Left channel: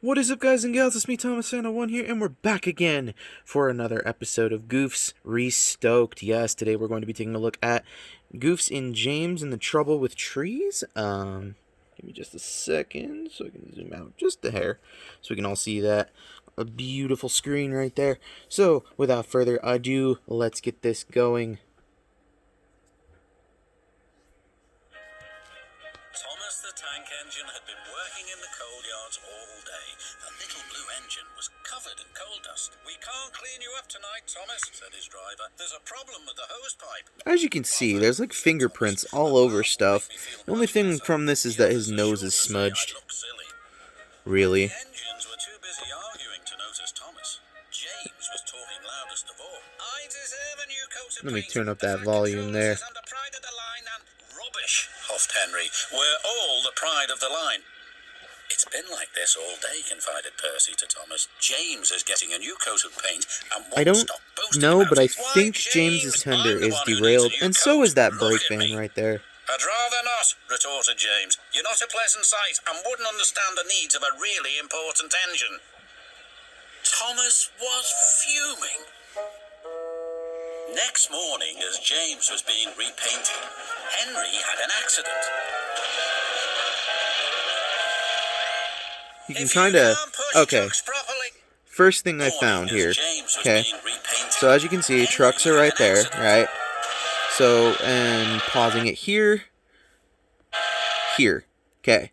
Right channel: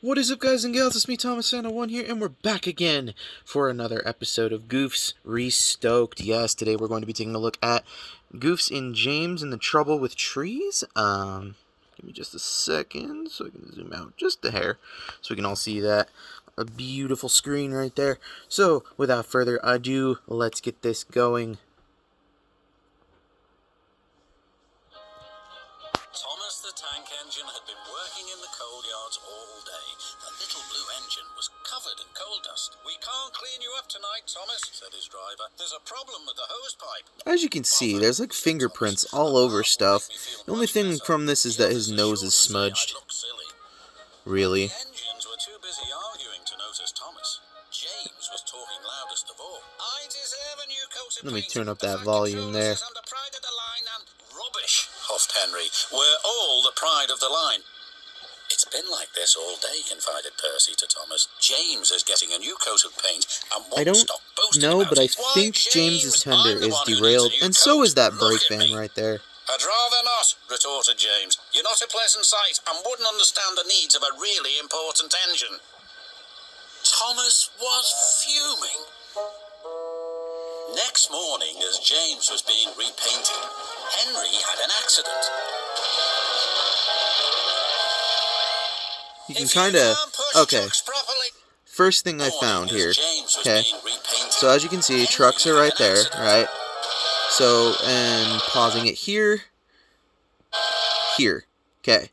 What is up, guys and gals? It's me, Thomas Santa One here, and we're back again for another episode of Goofs Re-Stoked. Yes, today we're going to be taking a look at Goofs and James and the Trouble with Trees. Give me just a second so I can zoom out just a hair so we can all see that. A beautiful screen right there. So, without further ado, let's get this going. Thomas the tank engine had been working in the coal yards all day. The little blue engine was covered in coal dust. "We can't clean you up tonight, Thomas," said his driver. "There's a problem with the hose pipe." As you can see, there's like fingerprints all over stuff. The only thing from this is that his nose is smudged. Really? The engines were too busy arguing to notice Thomas. James was talking loudest of all. "I deserve a new coat of Let me paint. turn up The that fat volume controllers there. is under pride of the line and..." "Rubbish," huffed Henry. "We're all the pride of the line." "It's been like this all day," confided Percy to Thomas. "James is getting a new coat of paint and I won't don't stop boasting know, about but I it." "Why, think James, James's tender I'm the is one who needs a derailed, new and so coat. is that Look brake at van me." right there. "I'd rather not," retorted James. "You're not a pleasant sight and wouldn't understand the needs of a really important engine." Thomas was fuming. Next morning, as James was being repainted, Henry had an accident. You can "If kind you of... can't push Okay, trucks properly..." first thing I Morning, found as here. James was Okay, being repainted, so as you can see, Henry trucks are had right an there, accident. right? So, and pausing it here. Here. Okay.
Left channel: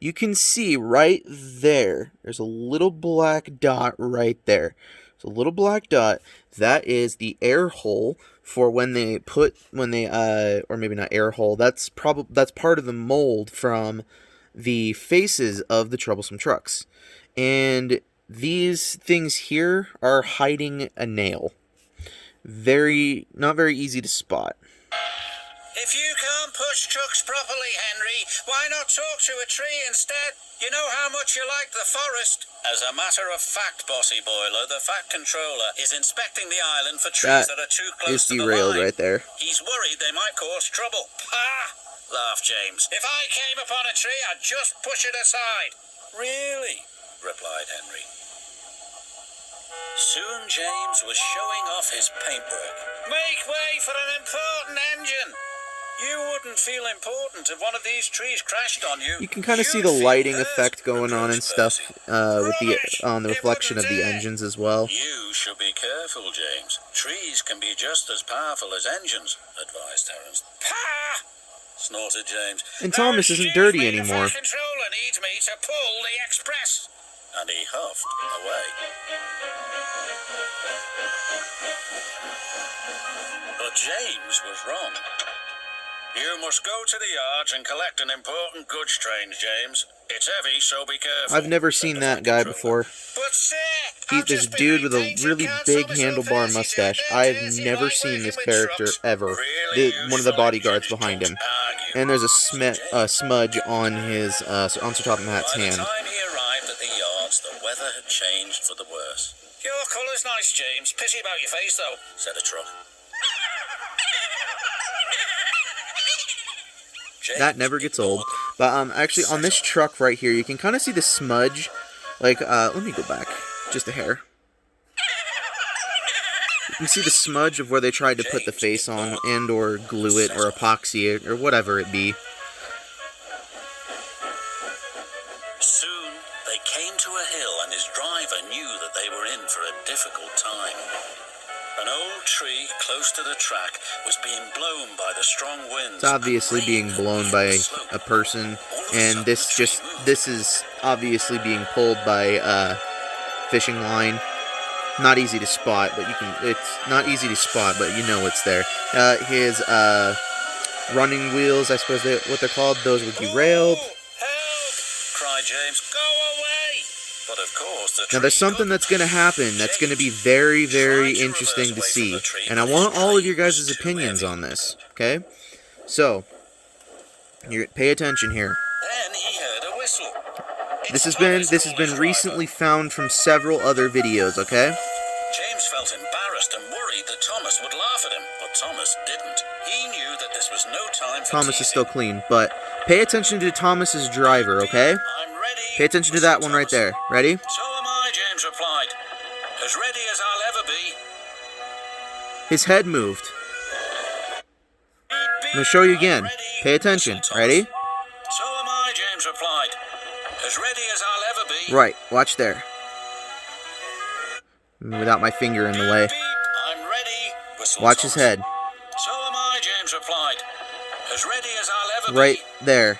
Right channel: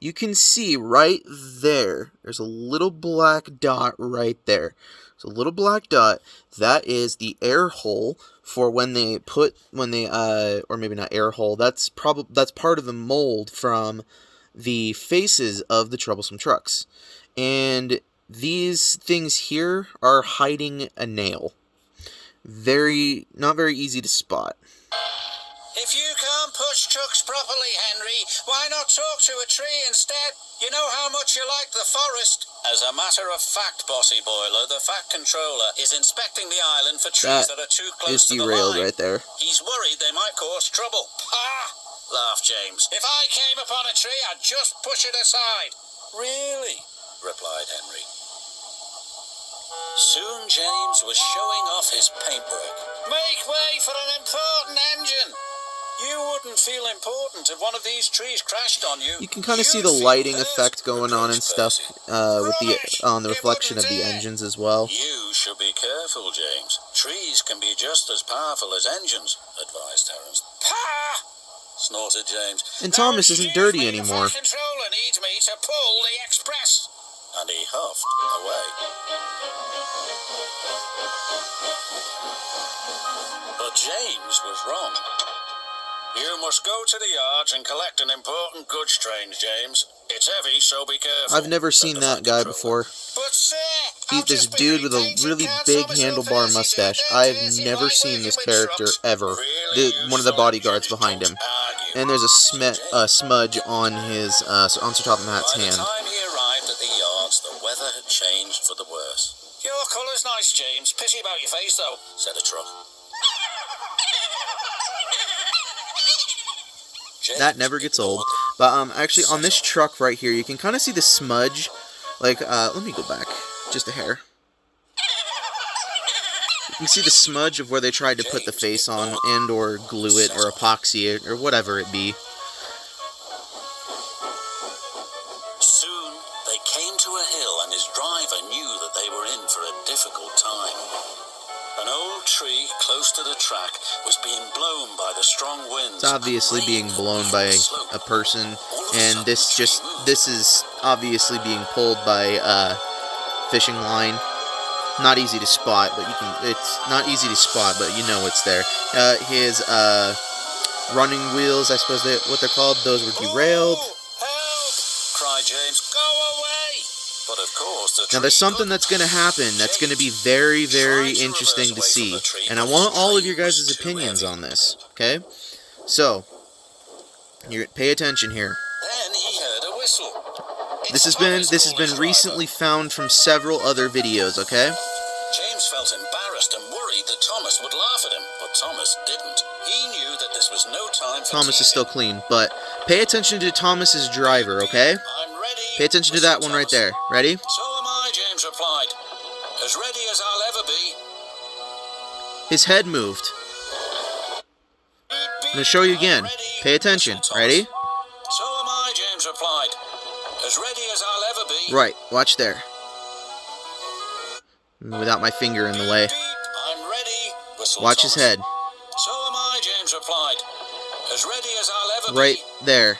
You can see right there, there's a little black dot right there. It's a little black dot. That is the air hole for when they or maybe not air hole. That's part of the mold from the faces of the troublesome trucks. And these things here are hiding a nail. Not very easy to spot. "If you can't push trucks properly, Henry, why not talk to a tree instead? You know how much you like the forest." "As a matter of fact, Bossy Boiler, the Fat Controller is inspecting the island for trees that are too close Is to the derailed line. right there. He's worried they might cause trouble." "Ha!" laughed James. "If I came upon a tree, I'd just push it aside." "Really?" replied Henry. Soon James was showing off his paintwork. "Make way for an important engine. You wouldn't feel important if one of these trees crashed on you. You can kind of see You'd the feel lighting hurt," effect going on and reproached stuff Percy. on the It reflection of wouldn't the dare. engines as well. "You should be careful, James. Trees can be just as powerful as engines," advised Terence. "Pah!" snorted James. And "Now, Thomas isn't excuse dirty me, anymore. The Fat Controller needs me to pull the express." And he huffed away. But James was wrong. "You must go to the yards and collect an important goods train, James. It's heavy, so be careful." I've never said seen the that Fat guy Controller. before. "But sir, He's I've this just been dude with a repainting, really can't big solve it so handlebar fast. mustache. He's I've dirty, never like seen working this with character trucks. ever. Really One of the useful bodyguards engines behind don't him. argue," And there's a said James. smudge on his on Sir Topham Hatt's By the hand. time he arrived at the yards, the weather had changed for the worse. "Your colour's nice, James. Pity about your face, though," said a truck. That never gets old. But actually on this truck right here, you can kind of see the smudge. Like let me go back just a hair. You can see the smudge of where they tried to put the face on and or glue it or epoxy it or whatever it be. Soon they came to a hill, and his driver knew that they were in for a difficult time. An old tree close to the track was being blown by the strong winds. It's obviously being blown by a person, and this is obviously being pulled by fishing line. Not easy to spot, but it's not easy to spot, but you know it's there. His running wheels, I suppose what they're called, those were derailed. "Oh, help!" cried James. "Go away!" But of course the tree Now there's something couldn't. that's going to happen that's going to be very, very interesting to see. And I want all of your guys' opinions on this, okay? So, pay attention here. Then he heard a whistle. This has been recently found from several other videos, okay? James felt embarrassed and worried that Thomas would laugh at him, but Thomas didn't. He knew that this was no time for Thomas is teasing. still clean, but pay attention to Thomas's driver, okay? "I'm ready," Pay attention to that one right there. Ready? So am I, James replied. As ready as I'll ever be. His head moved. I'm going to show you again. Pay attention. Ready? So am I, James replied. As ready as I'll ever be. Right. Watch there. Without my finger in the way. I'm ready. Whistled Watch his Thomas. head. So am I, James replied. As ready as I'll ever be. Right there.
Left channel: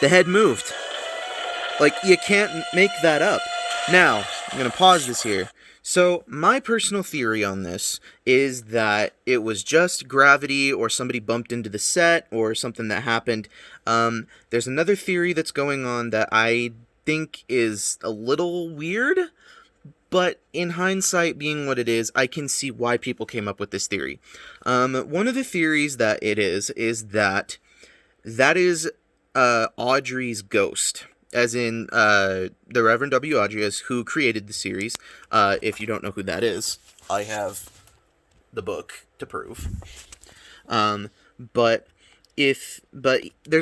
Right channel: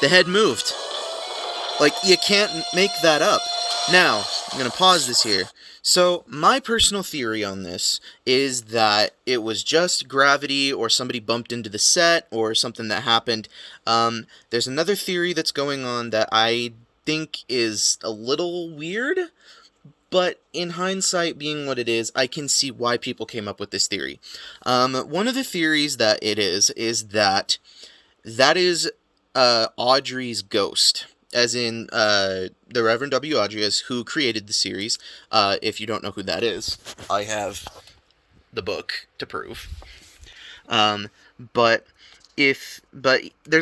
The head moved. Like, you can't make that up. Now, I'm going to pause this here. So, my personal theory on this is that it was just gravity or somebody bumped into the set or something that happened. There's another theory that's going on that I think is a little weird, but in hindsight, being what it is, I can see why people came up with this theory. One of the theories that it is that is Audrey's ghost. As in, the Reverend W. Audrey, who created the series. If you don't know who that is, I have the book to prove. But there's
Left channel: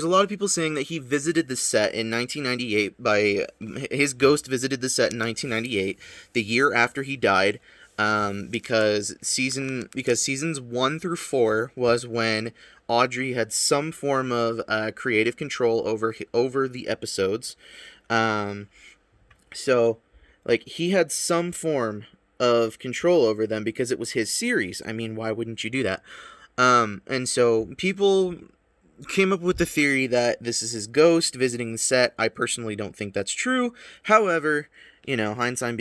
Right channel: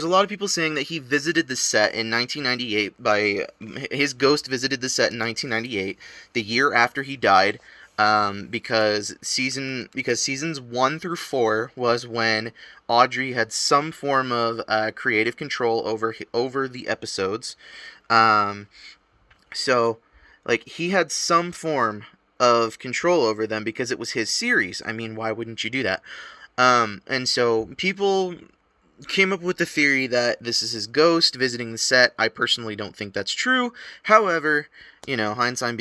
a lot of people saying that he visited the set in 1998 his ghost visited the set in 1998, the year after he died, because seasons 1 through 4 was when Audrey had some form of creative control over the episodes. So, like, he had some form of control over them because it was his series. I mean, why wouldn't you do that? And so people came up with the theory that this is his ghost visiting the set. I personally don't think that's true. However, you know, hindsight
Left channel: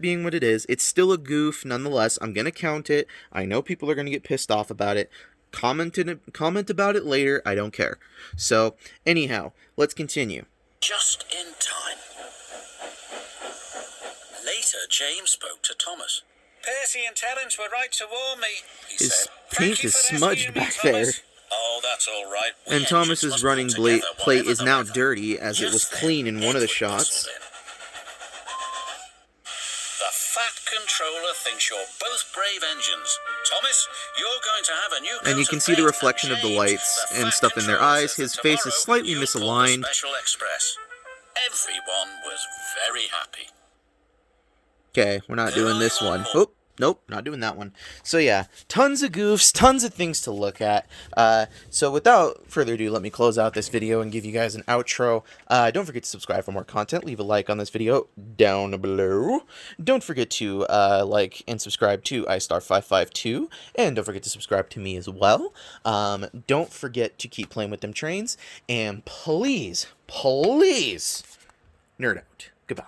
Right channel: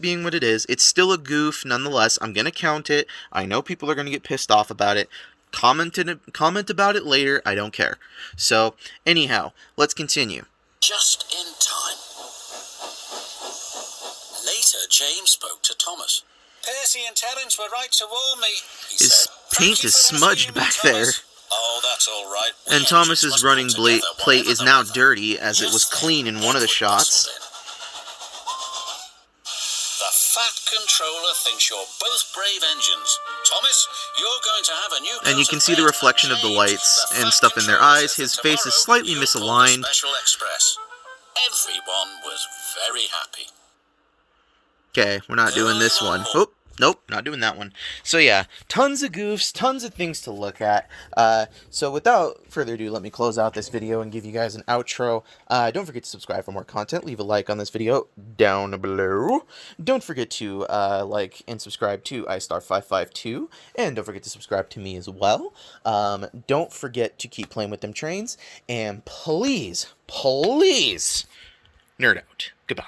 being what it is, it's still a goof nonetheless. I'm going to count it. I know people are going to get pissed off about it. Comment about it later. I don't care. So, anyhow, let's continue. Just in time. Later, James spoke to Thomas. Percy and Terence were right to warn me, he His said. paint is smudged back there. Oh, that's all right. And Thomas's running plate is now dirty, as it was clean in one of the shots. The Fat Controller thinks you're both brave engines. Thomas, you're going to have a new... And you can see the reflection of the lights and stuff in their eyes. His face is slightly misaligned. Everyone was very happy. Okay, we're not doing this one. Oh, nope, not doing that one. So yeah, tons of goofs, tons of things to look at. So without further ado, let me close out this video and give you guys an outro. Don't forget to subscribe for more content. Leave a like on this video down below. Don't forget to like and subscribe to iStar552. And don't forget to subscribe to me as well. Don't forget to keep playing with them trains. And please, nerd out. Goodbye.